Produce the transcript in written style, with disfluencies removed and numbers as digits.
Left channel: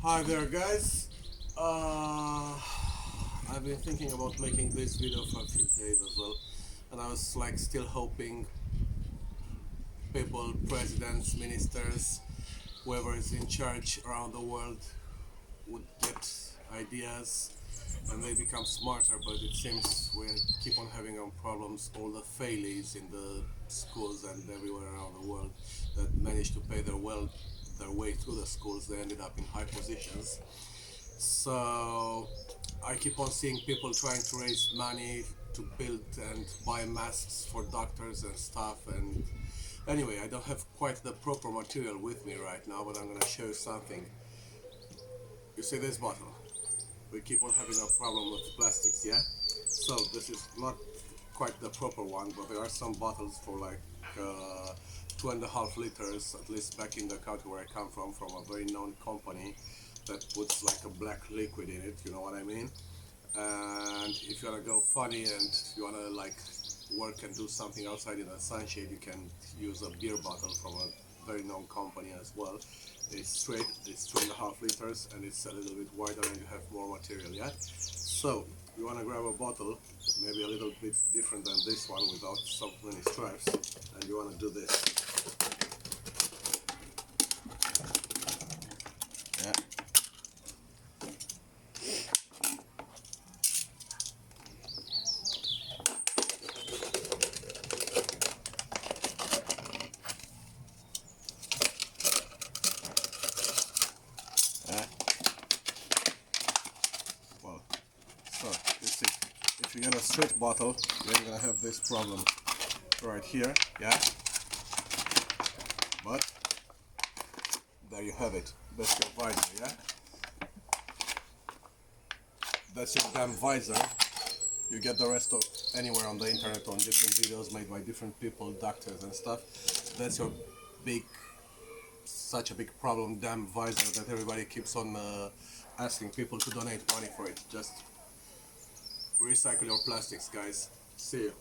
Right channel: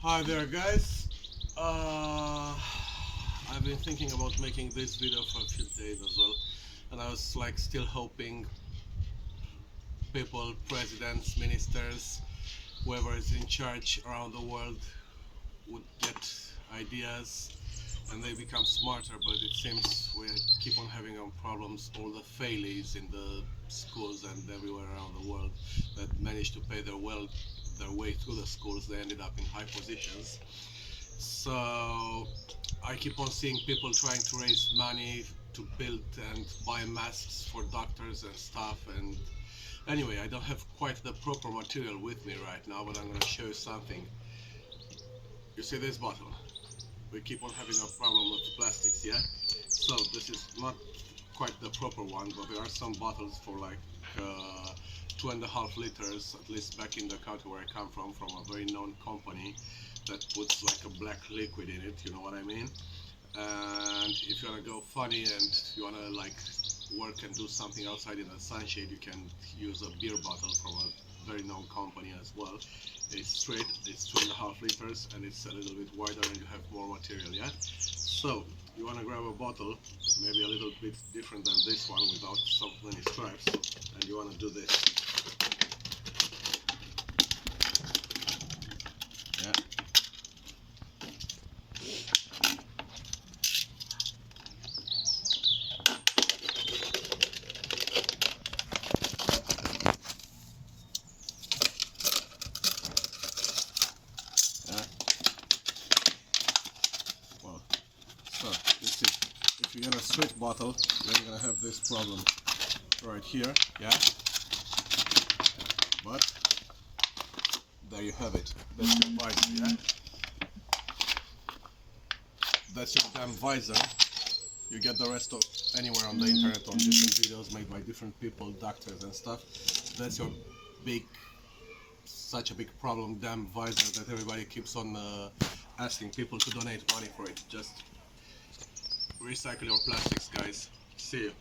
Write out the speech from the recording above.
Hi there, guys. I've been thinking about making this video for a few days as well, and I was like still hoping people, presidents, ministers, whoever is in charge around the world would get ideas and they become smarter. But it seems we keep on having our problems. All the failures in the schools and everywhere around the world that managed to pay their way through the schools, they ended up in high positions. So I keep on seeing people trying to raise money to build and buy masks for doctors and stuff. And anyway, I don't have quite the proper material with me right now, but I'm gonna show you something. You see this bottle? We keep on having a problem with plastics, yeah? So this is not quite the proper one, but there are some bottles for like 2.5 liters, at least back in the country where I come from a very known company that puts like a black liquid in it, you know what I mean? And if you wanna go funny and you wanna like work and do something outside in the sunshade, you can use a beer bottle from a very known company as well. It's straight, it's 2.5 liters, and it's a little bit wider and you have more material, yeah? So you wanna grab a bottle, maybe a little bit different than this one without so many stripes, and you wanna do this. Yeah. Well, so you see, if you get a straight bottle, then you're gonna have this problem right here, yeah? But there you have it. That's your visor, yeah? That's your damn visor. You get the rest of anywhere on the internet on different videos made by different people, doctors and stuff. That's your big, such a big problem, damn visor that everybody keeps on asking people to donate money for it. Just recycle your plastics, guys. See you.